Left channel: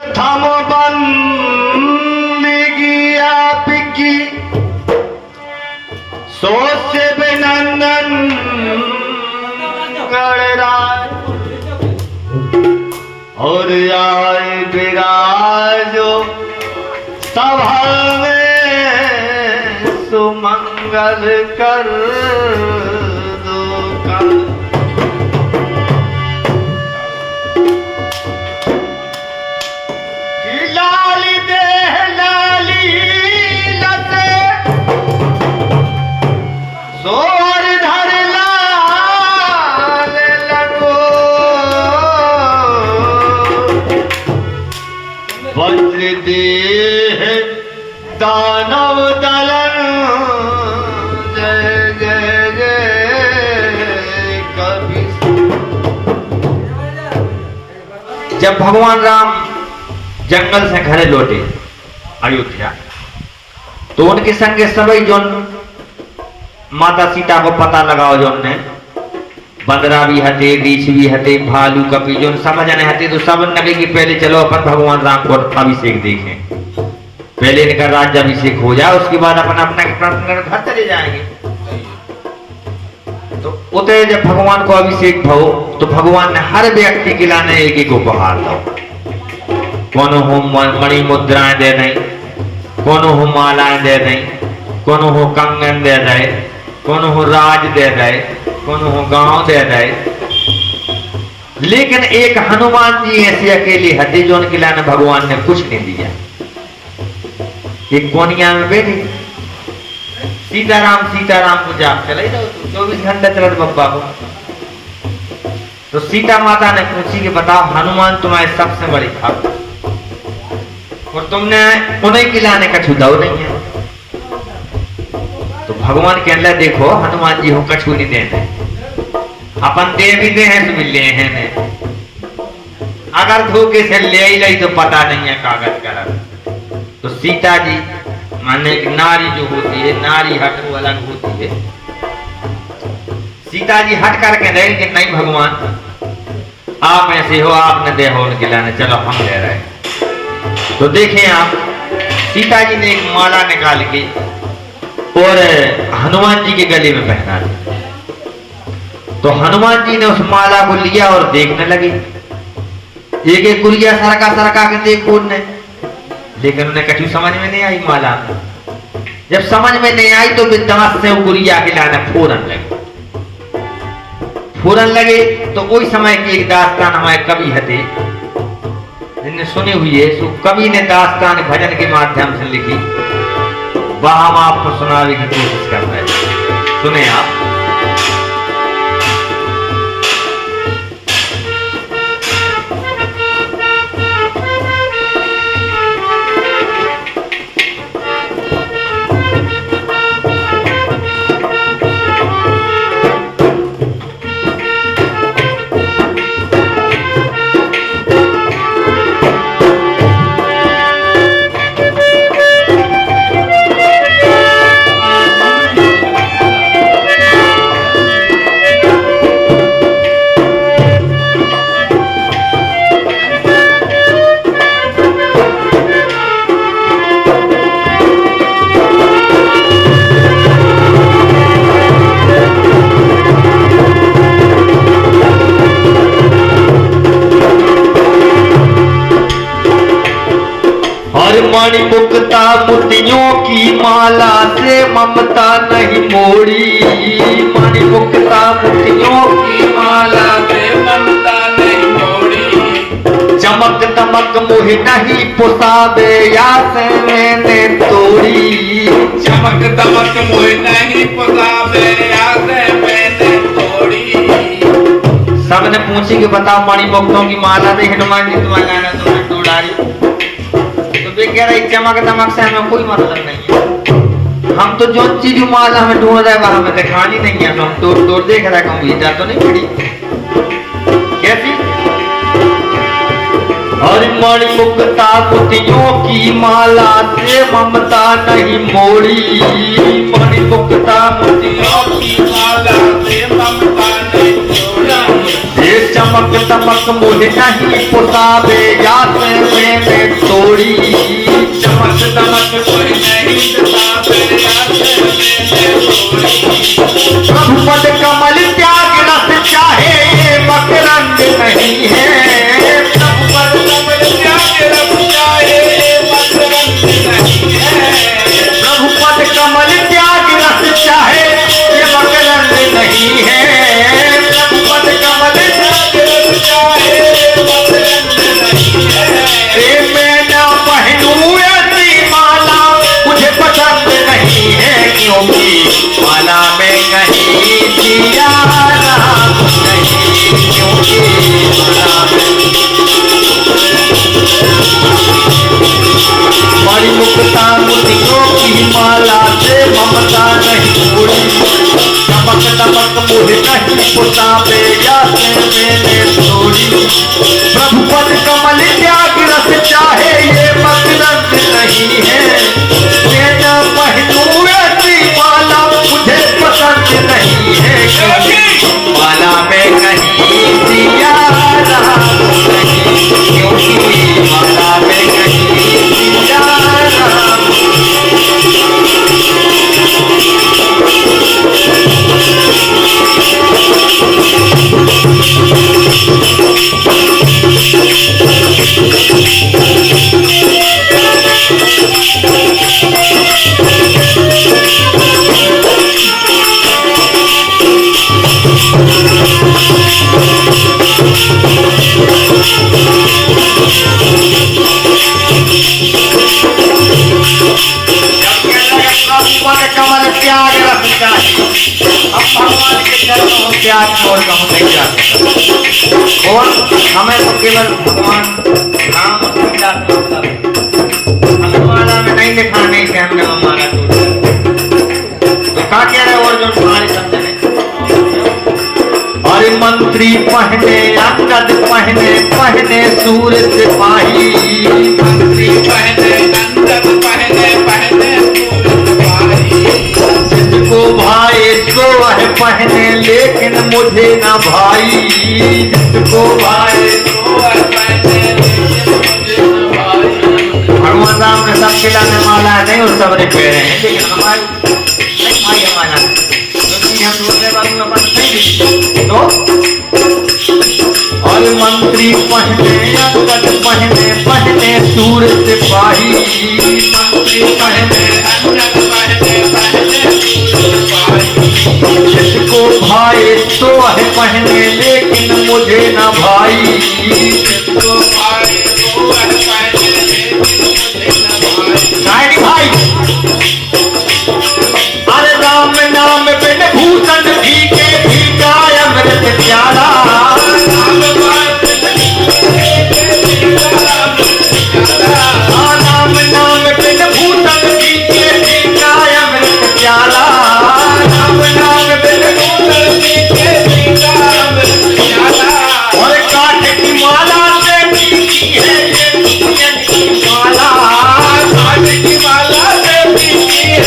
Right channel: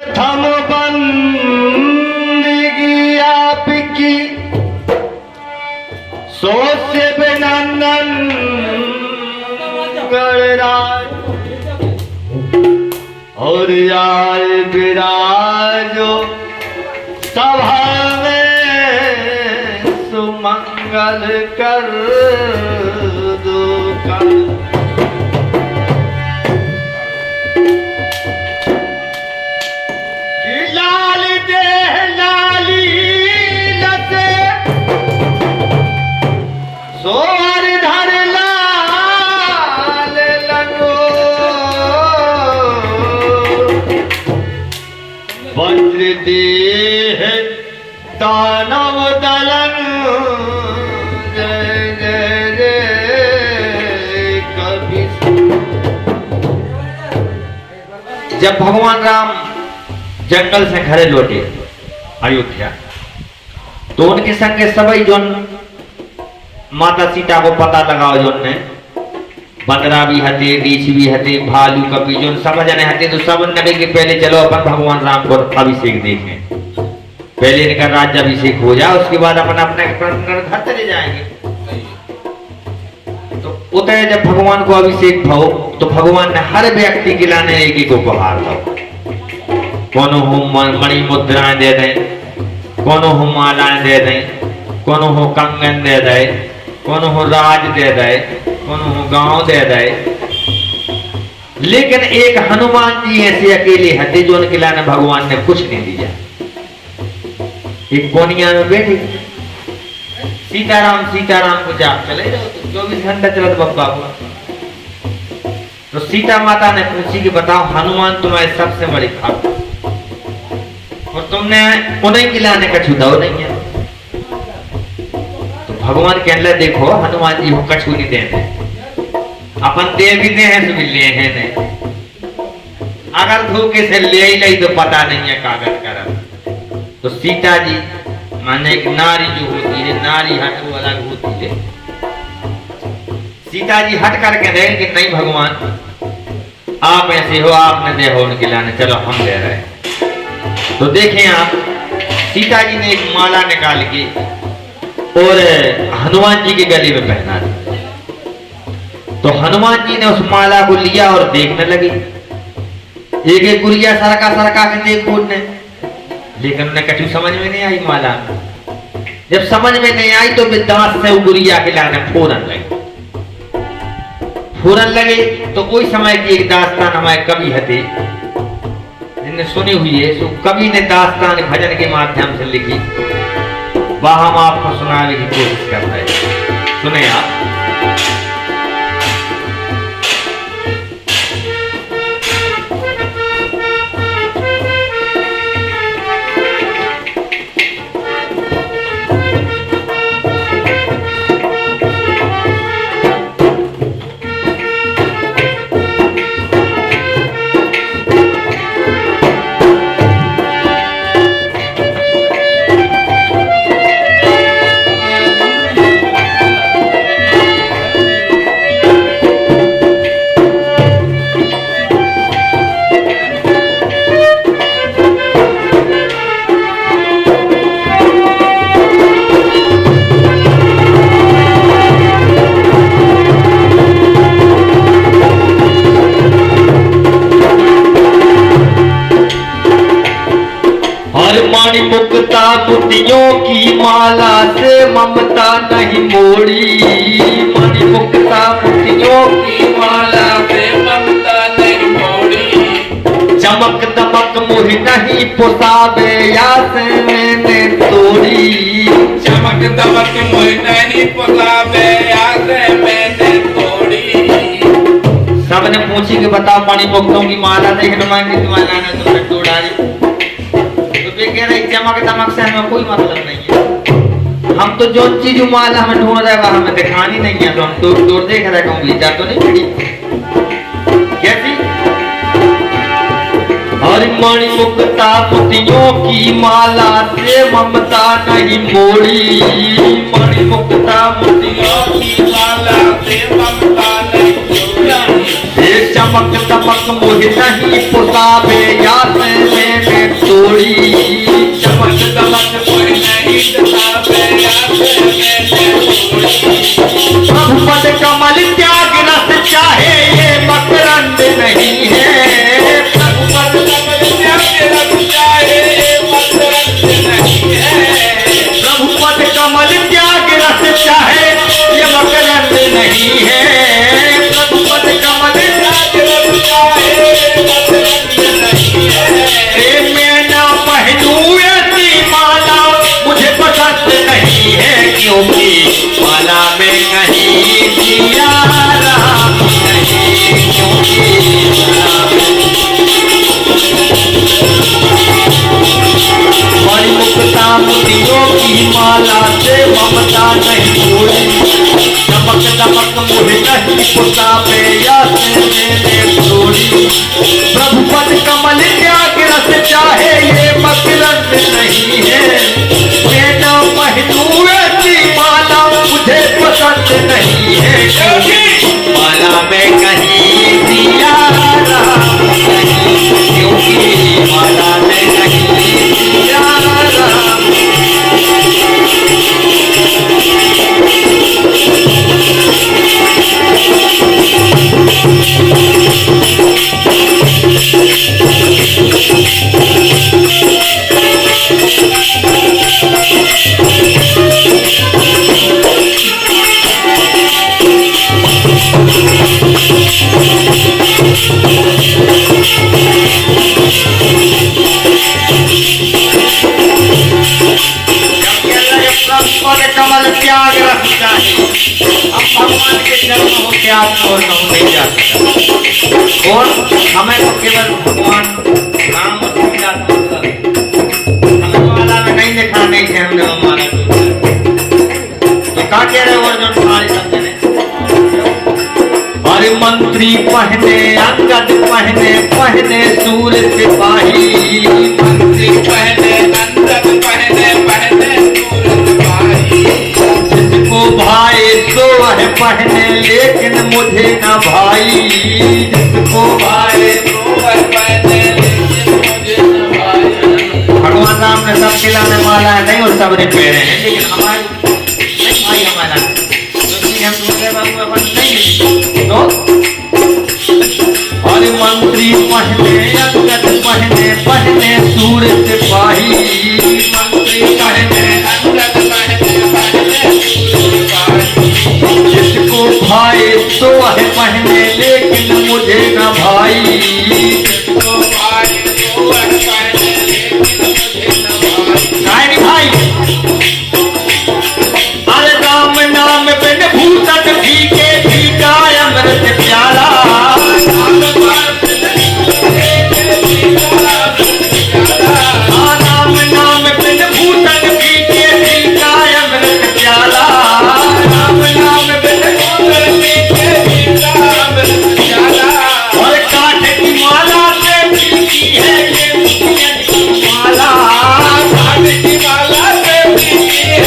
थम बंदगी आपकी सोच से बिनंदन गणराय और आए विराजो सभा में सुमंगल कर दो का। लाली देह लाली लते सोर धर लाल लगो वज्र देह दानव दलन जय जय जय कभी। जब भगवान राम जंगल से घरे लौटे अयोध्या तो उनके संग सभी जो माता सीता को पता लगाओ जो ने बंदरा भी हते रीछ भी हते भालू कपी जो समझ नहीं हते तो सब लगे कि पहले चलो अपन भगवान राम को अभिषेक देखें। पहले इनका राज्याभिषेक हो जाए उसके बाद अपन अपना प्रार्थना कर घर चले जाएंगे। तो उतरे जब भगवान को अभिषेक भाव तो भगवान ने हर व्यक्ति के लाने एक एक उपहार दो। कोनो हो मणि मुद्राएं दे दें, कोनो हो मालाएं दे दें, कोनो हो कंगन दे दे, कोनो हो राज दे दे, कोनो हो गांव दे दे। लेकिन एक हनुमान जी ऐसे अकेले हते जो उनके लाने भगवान ने कुछ नहीं दिया। एक कोनिया में बैठी सीताराम को जाप चले जाओ 24 घंटे चलत बप्पा को। तो सीता माता ने पूछी कि बताओ हनुमान तुम्हारे सबसे बड़ी खाप और तुमने उन्हें खिलाने का छुदाव नहीं है। तो भगवान कहने देखो हनुमान जी हो कछु नहीं देने अपन दे भी दे हैं तो भी ले हैं ने। अगर धोखे से ले ही नहीं तो पता नहीं है कागज करा। तो सीता जी माने एक नारी जो होती है नारी हट वो अलग होती है। सीता जी हट करके रहे कि नहीं भगवान आप ऐसे हो आपने दे हो उनके लाने चलो हम ले रहे हैं। तो देखें आप सीता जी ने एक माला निकाल के और हनुमान जी के गले में पहना। तो हनुमान जी ने उस माला को लिया और देखने लगे एक एक गुड़िया सरका के देख बोलने। लेकिन उन्हें कछु समझ में नहीं आई माला। जब समझ में नहीं आई तो दांत से वो गुड़िया के लाने फोरन लगे। तो उस समय की एक दास्तान हमारे कवि हते जिन्हें सुनी हुई है। सो कवि ने दास्तान भजन के माध्यम से लिखी वह हम आपको सुनाने की कोशिश करते हैं। सुने आप। मोतियों की माला से ममता नहीं मोड़ी। मणिमुक्ता मोतियों की माला से ममता नहीं मोड़ी। चमक दमक मुझे नहीं पुसावे या से मैंने तोड़ी। चमक दमक मुझे नहीं पुसावे या से मैंने तोड़ी। सबने पूछी कि बताओ मणिमुक्तों की माला देख तुम्हारी तुम्हारा तुमने तोड़ाई। चमक दमक से हमें कोई मतलब नहीं है। हम तो जो चीज माल हमें ढूंढ रहा है हमें दिखानी नहीं है। जो हम तोड़ तोड़ देख रहे हैं उंगली तो नहीं पड़ी कैसी। और मणिमुक्ता मोतियों की माला से ममता नहीं मोड़ी। मणिमुक्ता मोतियों की माला से ममता नहीं मोड़ी। चमक दमक मुझे नहीं पुसावे या से बड़ी मुक्ता मोतियों की माला से ममता नहीं छोड़ी चमक दमक मोहे कहीं पुतावे या से मैंने छोड़ी प्रभु पद कमल त्याग रस चाहे ये मतलब नहीं है मेरा पहनू ऐसी माला मुझे पसंद नहीं है माला में कहीं दिया क्योंकि माला में कहीं दिया कमल त्याग रखता है अब भगवान के चरणों में त्याग छोड़ना नहीं जाता और हमें तो केवल भगवान नाम सीता हमें माला में नहीं लिखा नहीं थे हमने वो माला टूटा तो कहा कह रहे और जो तुम्हारे समझने और मंत्री पहने अंगद पहने पहने सूर सिपाही मंत्री पहने अंदर पहने पहने सूरत भाई जिसको भाई सो है पहने लेकिन मुझे ना भाई जिसको भाई तो पहने लेकिन मुझे न भाई भगवान राम ने सब खिलाने वाला नहीं उन सब ने पहने हैं लेकिन हमारे नहीं भाई हमारा क्योंकि हम दूसरे वालों में अपन नहीं तो और मंत्री पहने अंगद पहने पहने सूर सिपाही मंत्री पहने अंदर पहने पहने सूरत भाई जिसको भाई तो है पहने लेकिन मुझे ना भाई तो भाई तो पहने लेकिन मुझे न भाई भाई अरे राम नाम बिन भूषण फीके फीका अमृत प्यारा राम नाम बिन भूषण फीके फीका अमृत प्यारा राम नाम बिन भूषण फीके फीका अमृत प्यारा और काठ की माला से फीकी है ये मुनियन की माला काट की माला से पीती है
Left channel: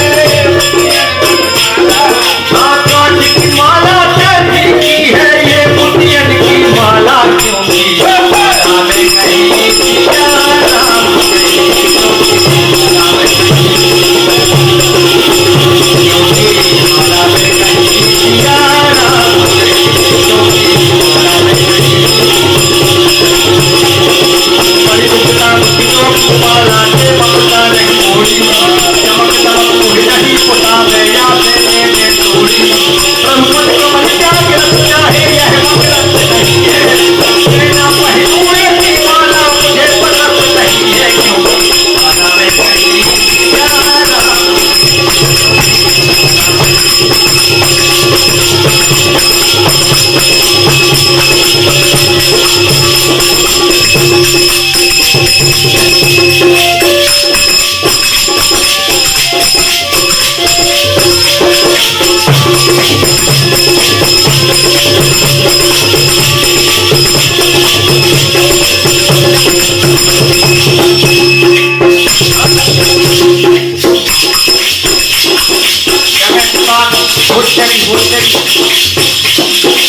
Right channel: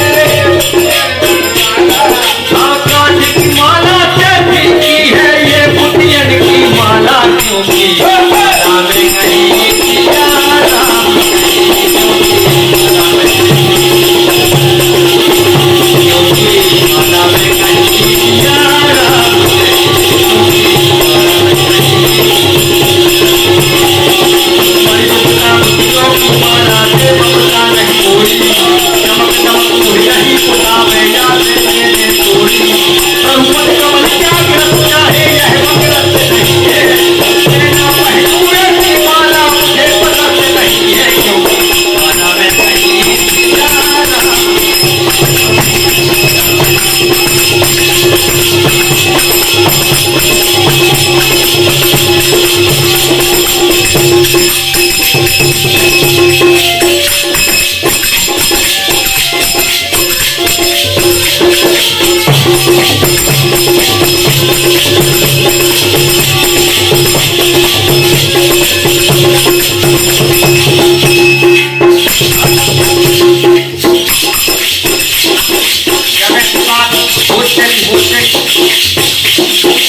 काठ की माला से फीकी है ये मुनियन की माला क्योंकि माला में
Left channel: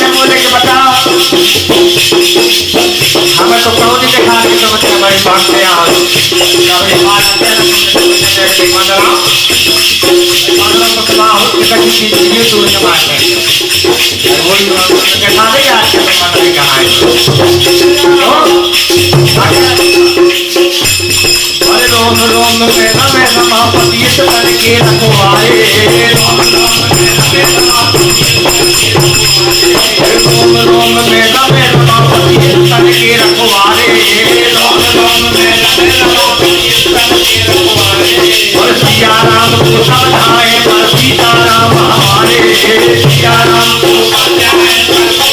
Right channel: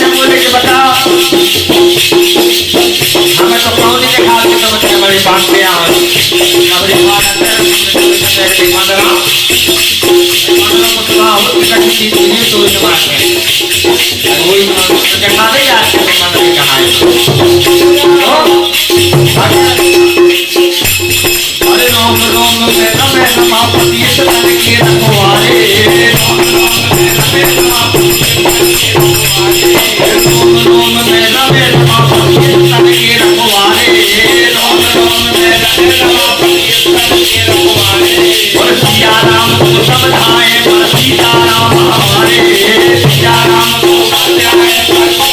नहीं दिया माला में नहीं दिया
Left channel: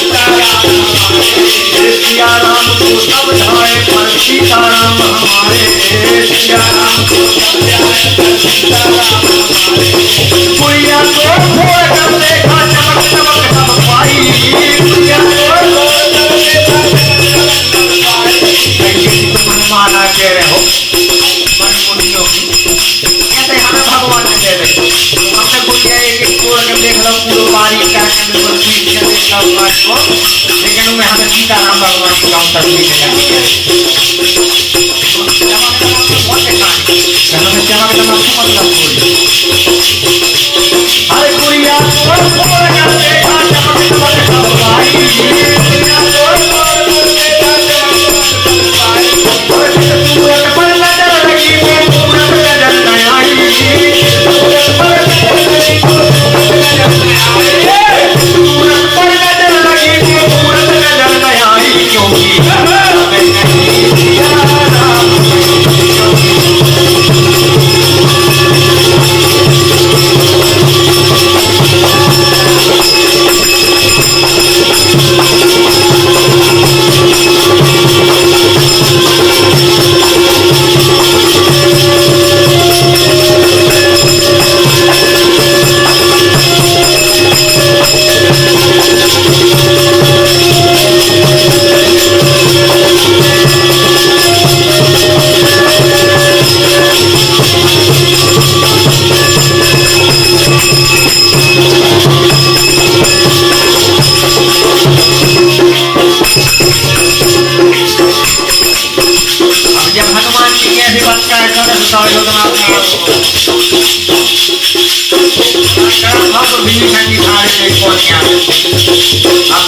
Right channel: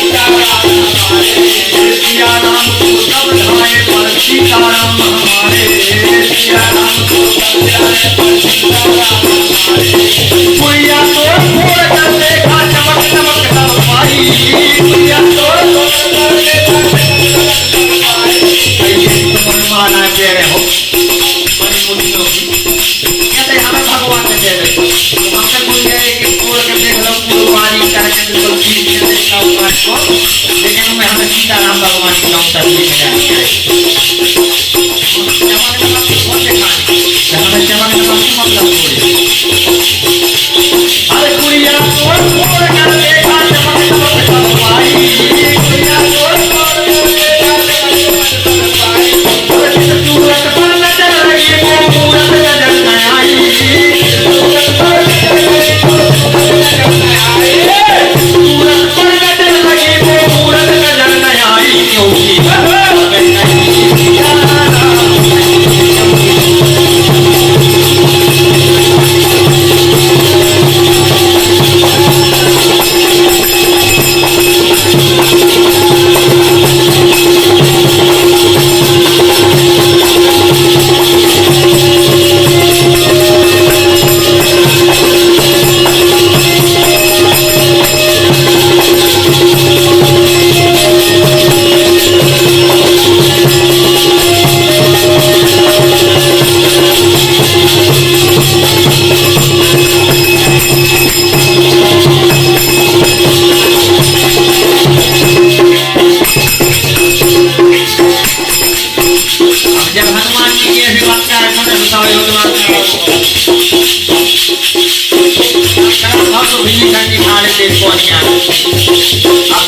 सीताराम सीताराम हमारे सिया राम को पुड़िया को फोड़ कर देखा चमक चमक सब पाई पुड़िया को फोड़ कर देखा मन माना कह रहे हो बड़ी बुरी होगी कहते हमें भगवान ने दे दे हमने पुड़िया एक फोड़ कर देख लो पूरी करके मतलब चीज के देखा हुआ है लेकिन मैं हमें सीताराम भगवान की हम तस्वीर में जाने के अरे पुड़िया को फोड़ कर देखा चमक चमक सब पाई पुड़िया को फोड़ कर देखा चमक चमक सब पाई सूरत पर नजर रखी को सूरत नजर न आई सूरत पर नजर रखी को सूरत नजर न आई सूरत पर नजर रखी को सूरत नजर न आई क्योंकि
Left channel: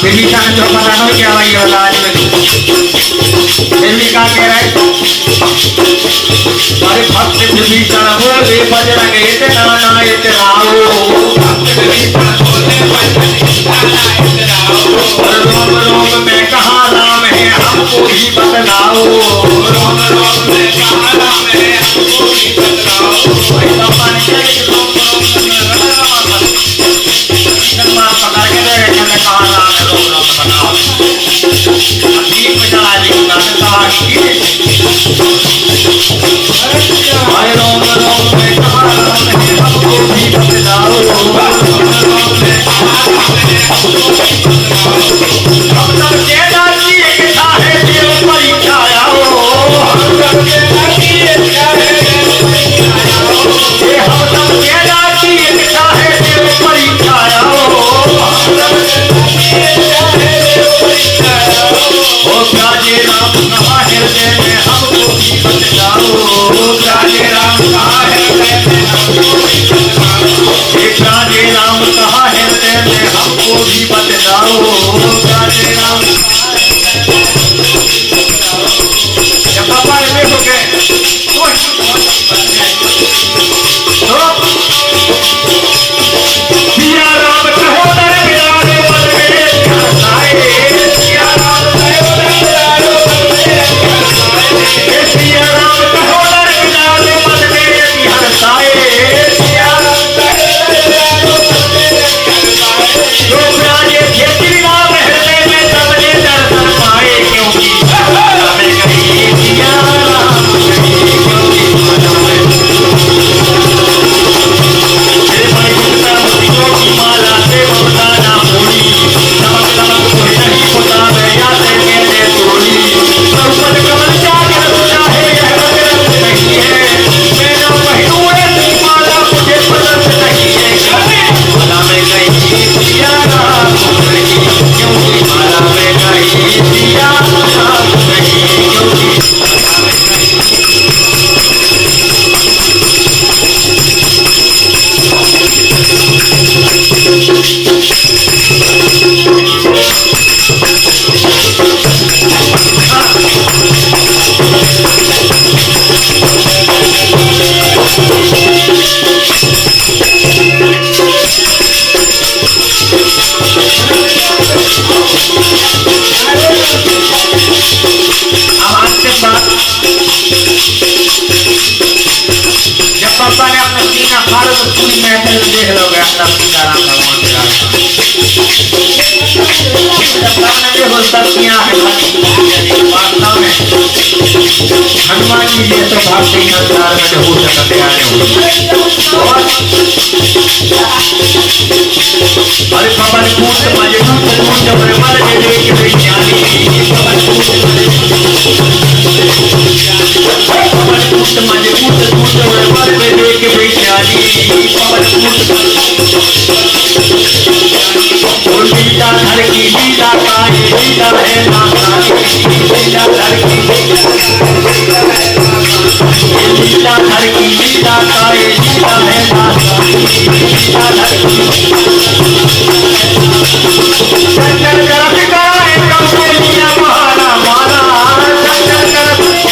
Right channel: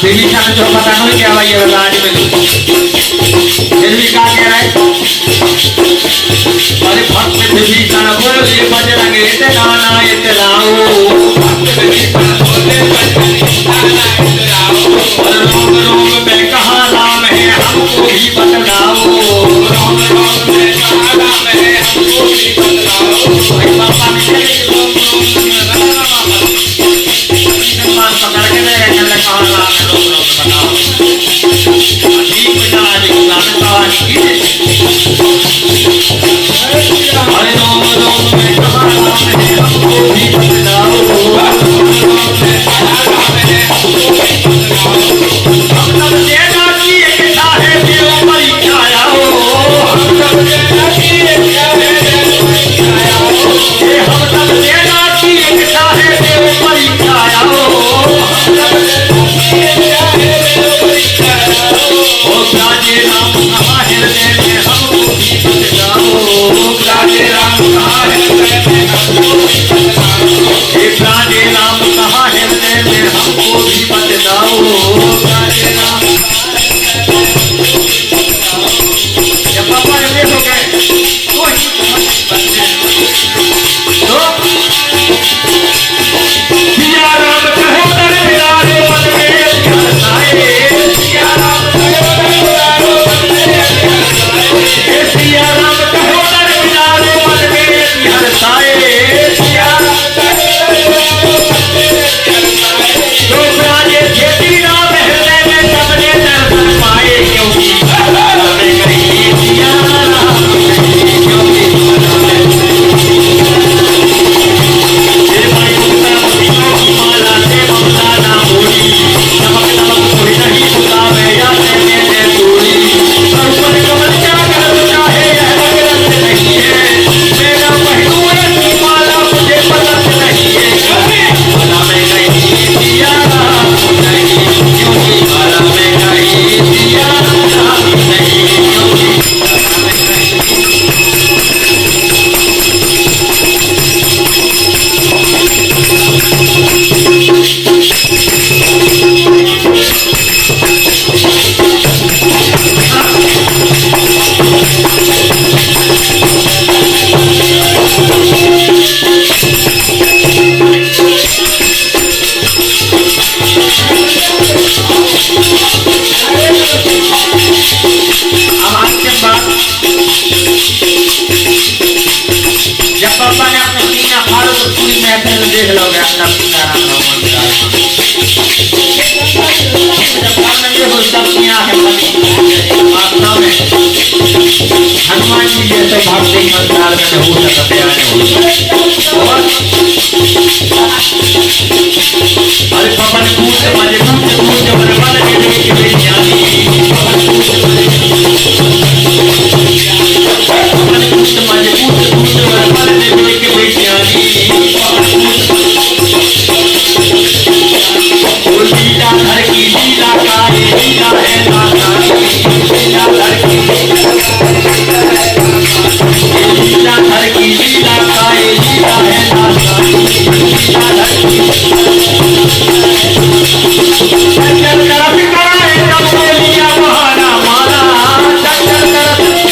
विभीषण जो पता नहीं क्या भाई राज में फिर भी कहा गया है अरे भक्त विभीषण बोले बजरंग इतना ना इतराओ भक्त विभीषण बोले बजरंग इतना ना इतराओ रोम रोम में कहा नाम है हमको ही बतलाओ रोम रोम में कहा नाम है हमको ही बतलाओ बाबा ने चले रोम रोम में पकड़ के ले गए कहा नाम हरे रोम रोम में Yeah. हनुमान जी जैसे भक्त इस संसार में हो सकते हैं अरे पवन कूट मारे कूट कूट मारे देवी के विज्ञानी पवन कूट मारे कूट मारे देवी के विज्ञानी पवन कूट लीला धर की लीला काहे लीला है नाथानी लीला धर की लीला धर की लीला काहे लीला है नाथानी लीला धर की चल कर कराए जो लिया तुम्हारा माला चल कर कराए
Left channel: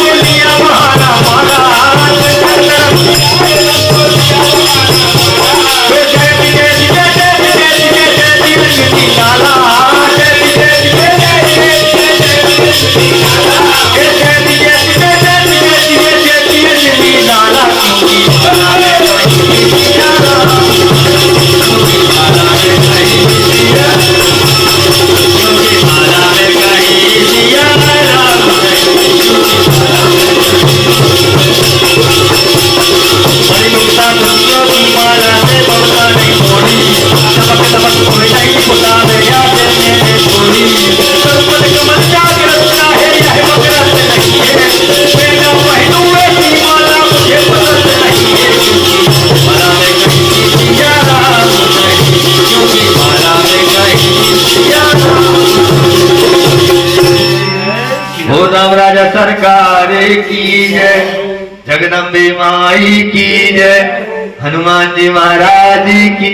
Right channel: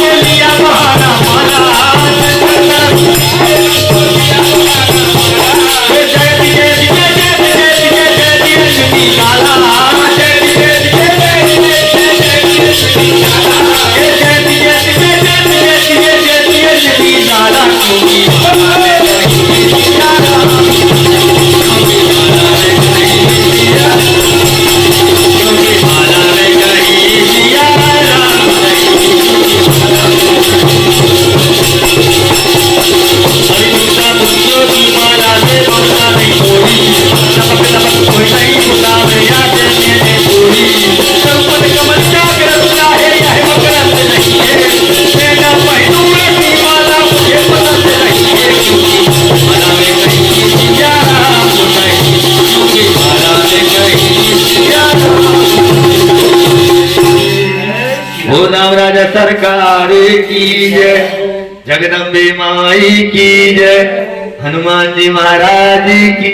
जो लिया तुम्हारा माला राजा सरकार की जय जगदम्बे माई की जय हनुमान जी महाराज की